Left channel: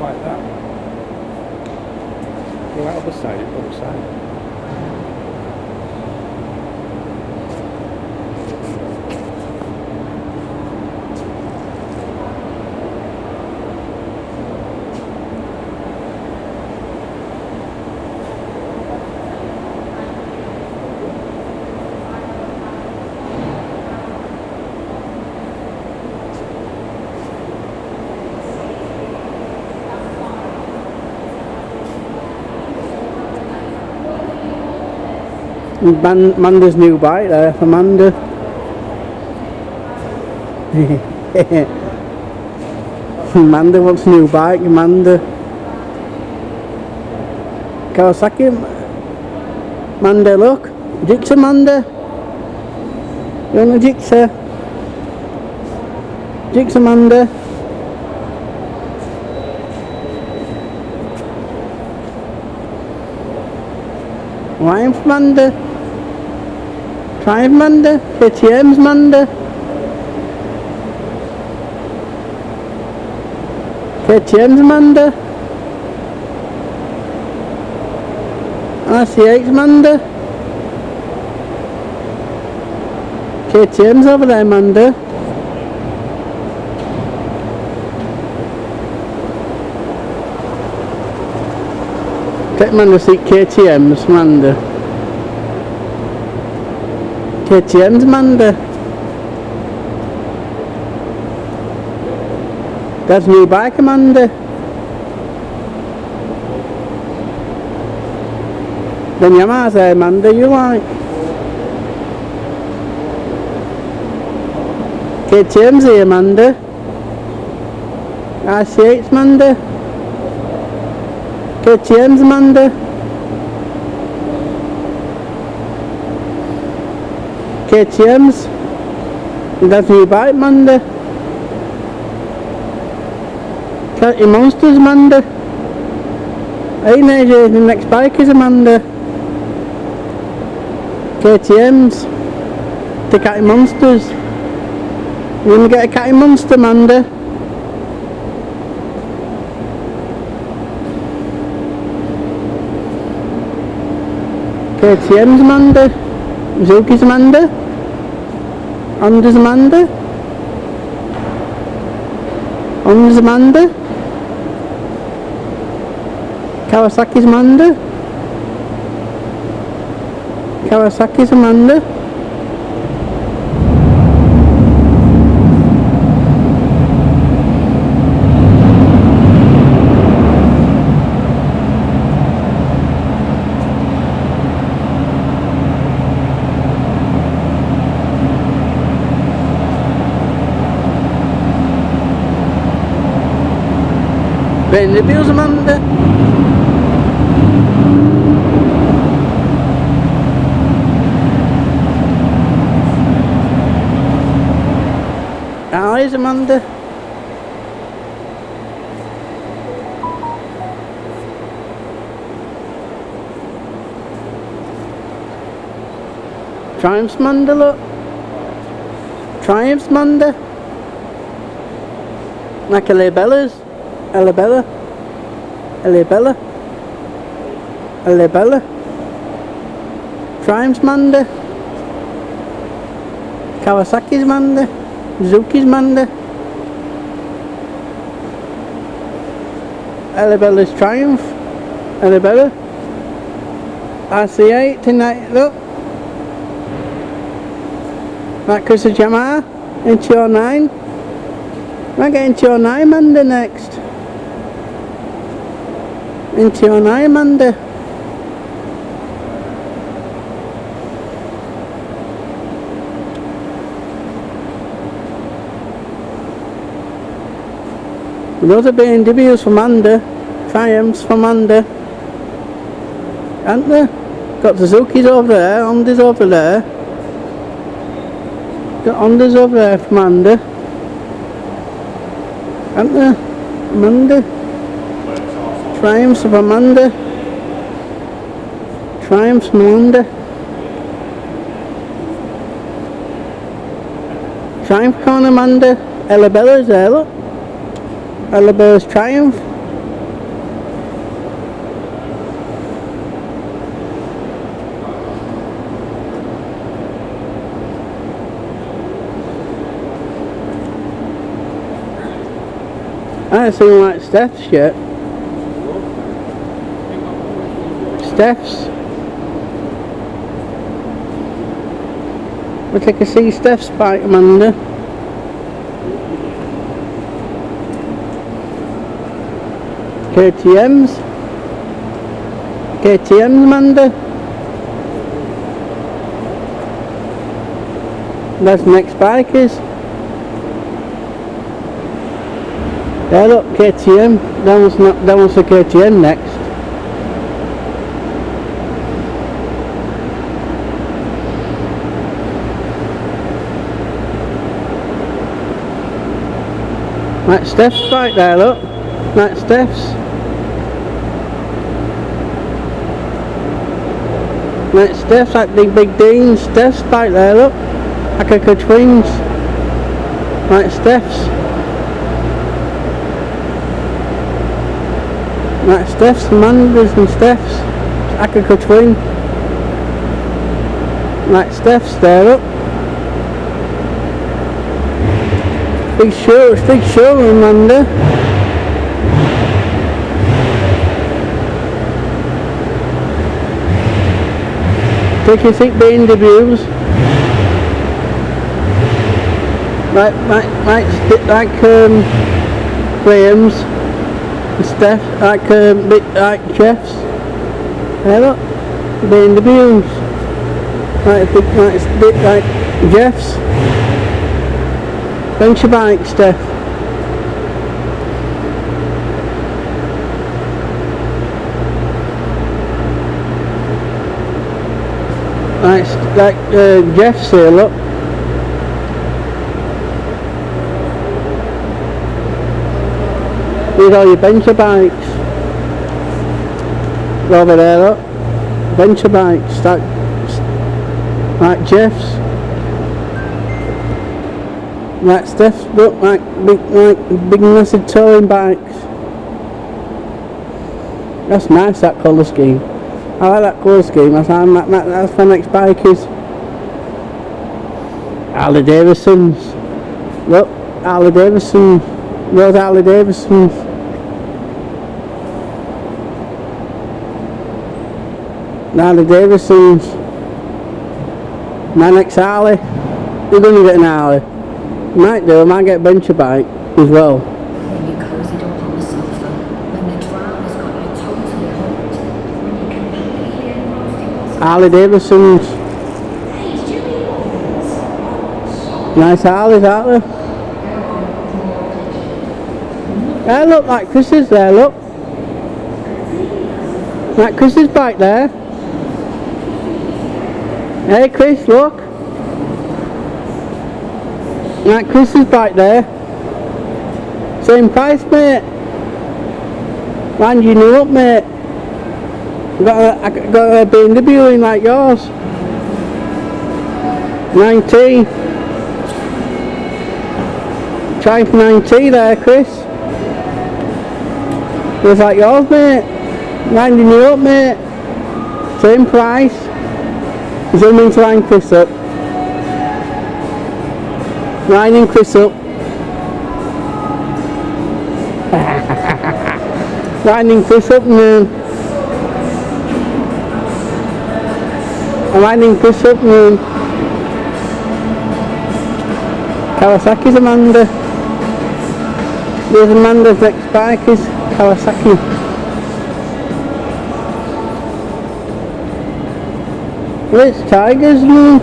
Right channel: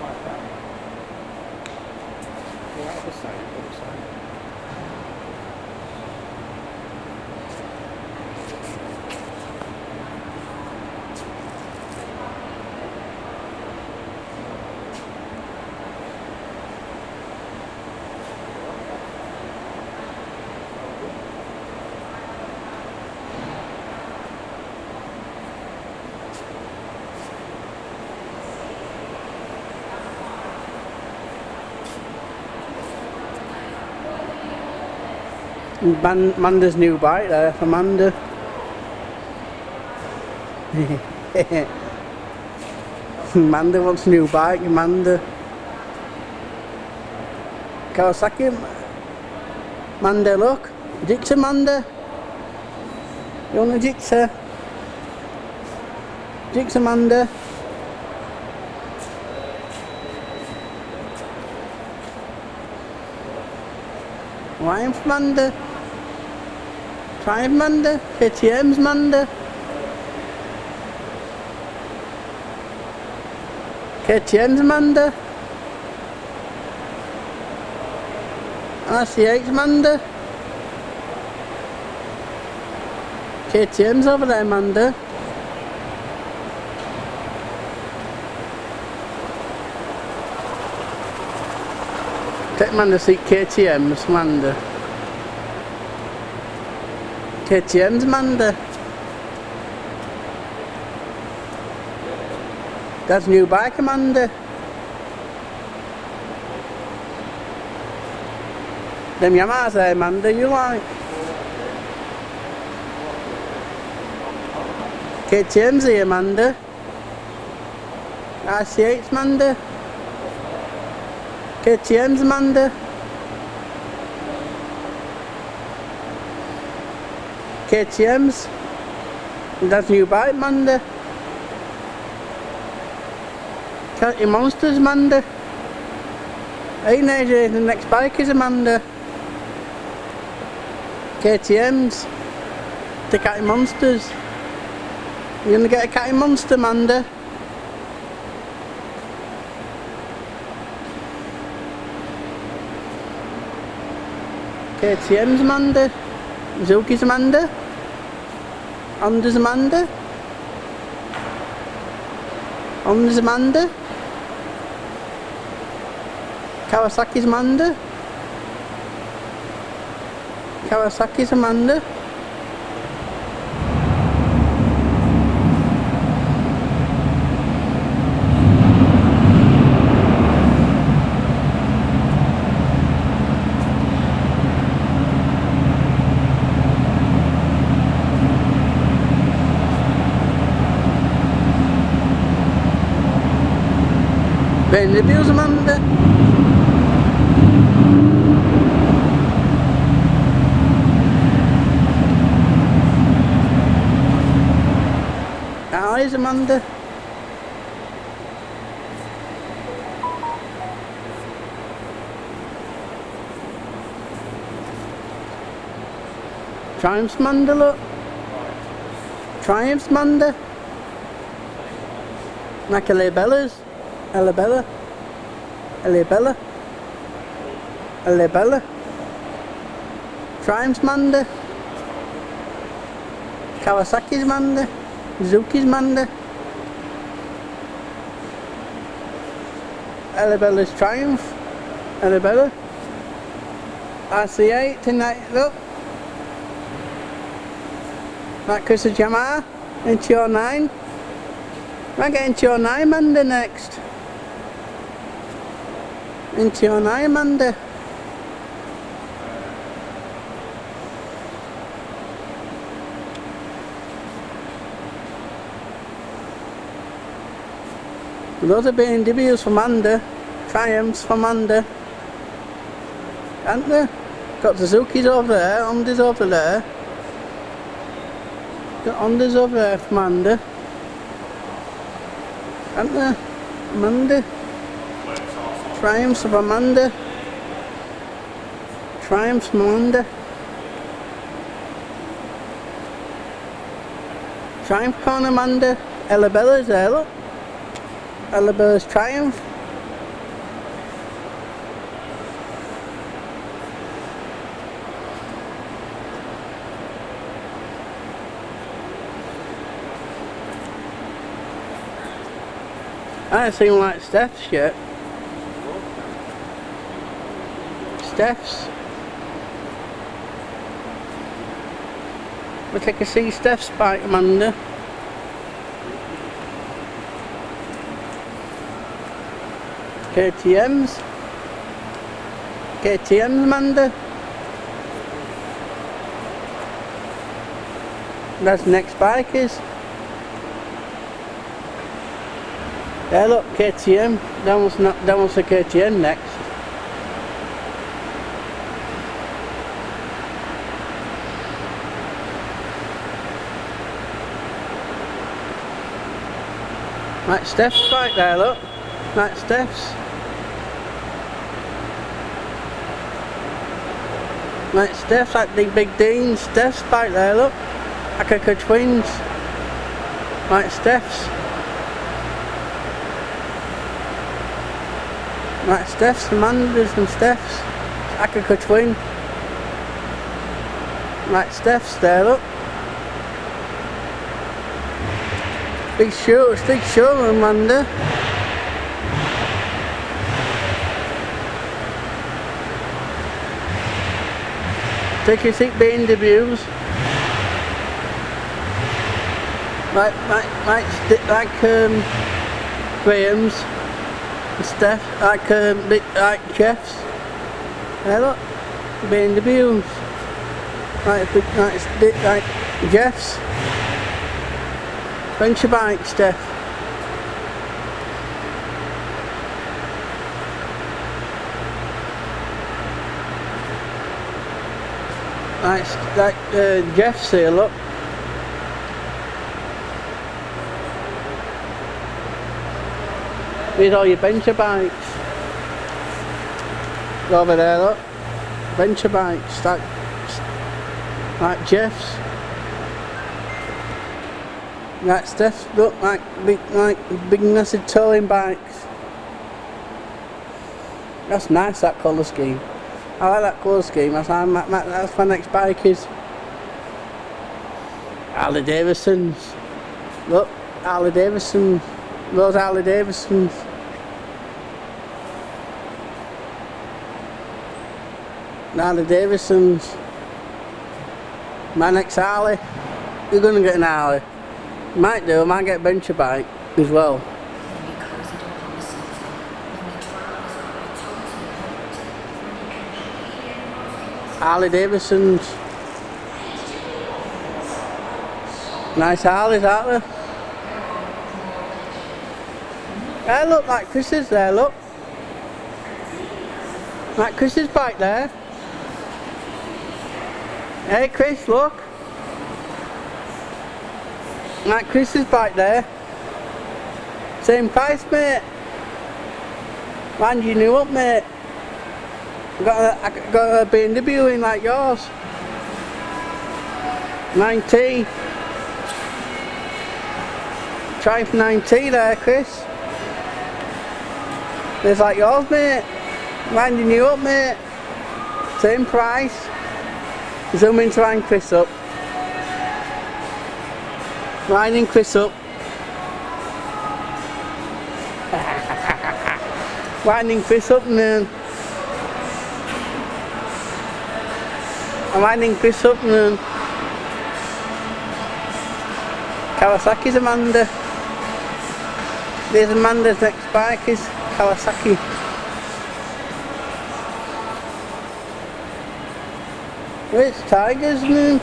like that. Yeah, other side, other side. Amanda's new bike there, Amanda. Amanda wants a new bike, Amanda. Kawasaki. Amanda, look. Jigsaw, Amanda. You want a jigsaw? Jigsaw, Amanda. Triumph, Amanda. Triumph, Amanda. KTM's, Amanda. KTM's, Amanda. RC8's, Amanda. KTM's over there, Amanda. Take Amanda to see KTM's, Amanda. KTM's, Amanda. That's new bike, Amanda. Them Yamahas there, Amanda, you like? KTM's here, Amanda. RC8's, Amanda. KTM's, Amanda. KTM's. That's new bike, Amanda. Cat your monsters, Amanda. Hey, AJ, the next bike is Amanda. KTM's. The Catty Monsters. You gonna get a Catty Monster, Amanda? KTM's, Amanda. Zuki's, Amanda. Honda's, Amanda. Honda's, Amanda. Kawasaki's, Amanda. Kawasaki's, Amanda. Bend the wheels, Amanda. Eyes, Amanda. Triumph's, Amanda, look. Triumph's, Amanda. Like Bella's. Bella. Bella. Bella. Triumph's, Amanda. Kawasaki's, Amanda. Zuki's, Amanda. Bella's Triumph. Bella. RC8 tonight, look. That Chris's Yamaha. Into your 9. Might get into your 9, Amanda, next. Into your 9, Amanda. Those are BMWs for Amanda. Triumphs for Amanda. Aren't they? Got the Suzuki's over there, Honda's over there. Got Honda's over there for Amanda. Aren't they? Amanda. Triumphs of Amanda. Triumphs of Amanda. Triumph corner, Amanda. Bella's there, look. Bella's Triumph. I haven't seen like Steph's yet. Steph's. We'll take a see Steph's bike, Amanda. KTM's. KTM's, Amanda. That's the next bike is. Yeah, look, KTM. That one's the KTM next. Like Steph's bike there, look. Like Steph's. Like Steph's, like the Big Dean's. Steph's bike there, look. Like twins. Like Steph's. Like Steph's, Amanda's and Steph's. Akaka twin. Like Steph's there, look. Big show, Amanda. Take your seat, B&Ws. Like Graham's and Steph, like Jeff's. There, look, B&Ws. Like Jeff's. Venture bike, Steph. Like Jeff's here, look. These are all your venture bikes. Over there, look. Venture bikes, like Jeff's. Like Steph's, look, like big massive touring bikes. That's nice, that colour scheme. I like that colour scheme. That's my next bike is. Harley Davidson's. Look, Harley Davidson's. Those Harley Davidson's. Harley Davidson's. My next Harley. You're going to get an Harley. Might do, I might get a venture bike as well. When you cozied up on the sofa, when the drama's got you totally hooked, when you completely engrossed. Harley Davidson's. Nice Harleys, aren't they? They look like Chris's there, look. Like Chris's bike there. Hey Chris, look. Like Chris's bike there. Same price, mate. Mind you new up, mate. I got a B&W in like yours. 90. Trying for 90 there, Chris. Looks like yours, mate. Winding you up, mate. Same price. Zoom in to line Chris up. Lining Chris up. Winding Chris up, man. I'm winding Chris up, man. Kawasaki's Amanda. There's Amanda's next bike is Kawasaki. Well, it's Tigers, man.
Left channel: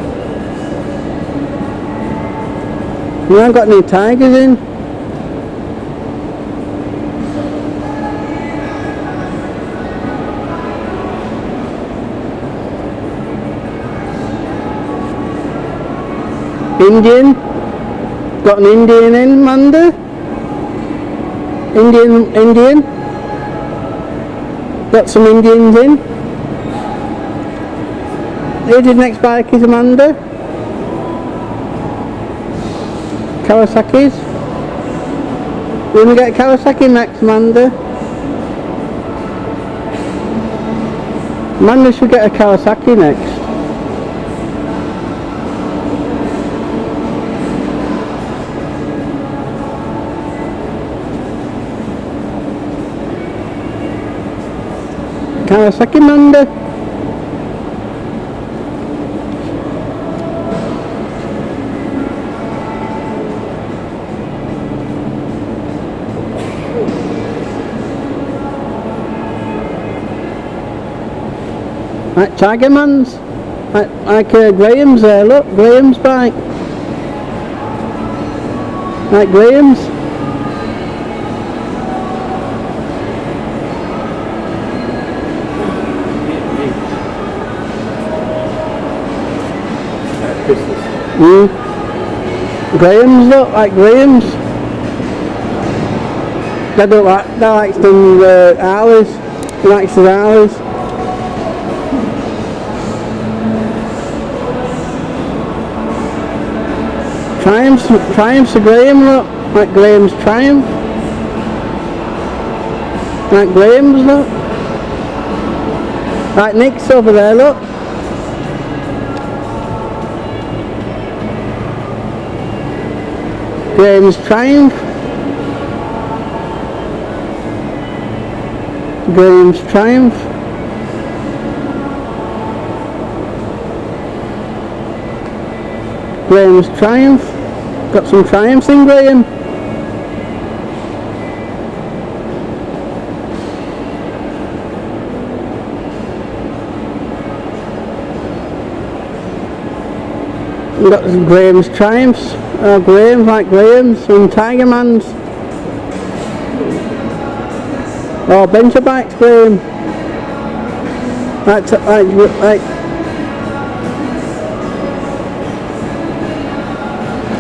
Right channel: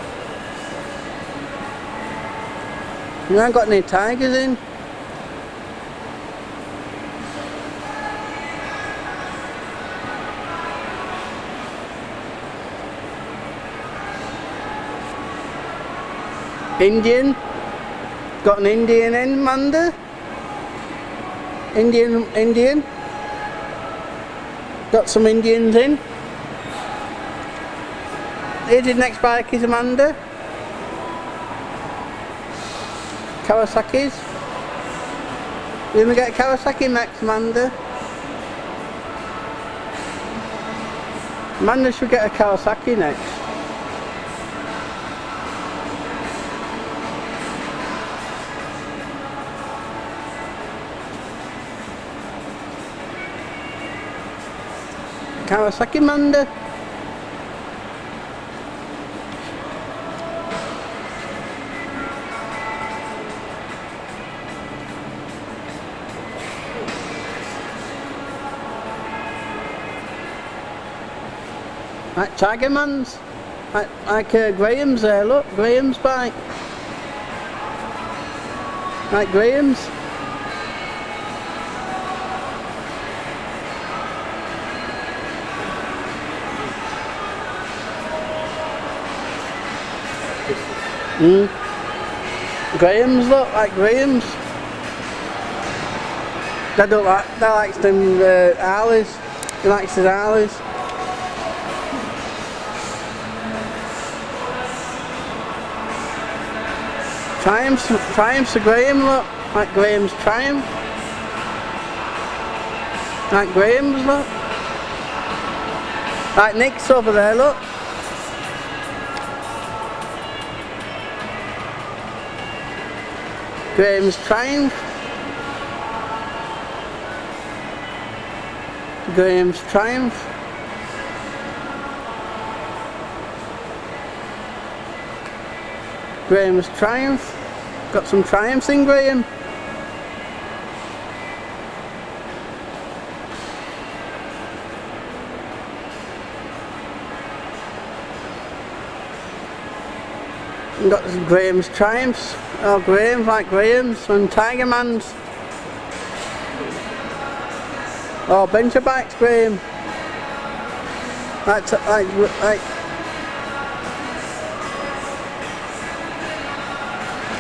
We haven't got any Tigers in. Indian. Got an Indian in, Amanda. Indian. Got some Indians in. Here's your next bike is Amanda. Kawasaki's. We're going to get a Kawasaki next, Amanda. Amanda should get a Kawasaki next. Kawasaki Manda. Like Tigerman's, like Graham's there, look, Graham's bike. Like Graham's. Graham's, look, like Graham's. They don't like, they likes them Harleys. He likes his Harleys. Triumph's a Graham, look, like Graham's Triumph. Like Graham's, look. Like Nick's over there, look. Graham's Triumph. Graham's Triumph. Graham's Triumph. Got some Triumphs in Graham. We've got some Graham's Triumphs. Oh, Graham's, like Graham's. Some Tigermans. Oh, Bencher bikes, Graham. Like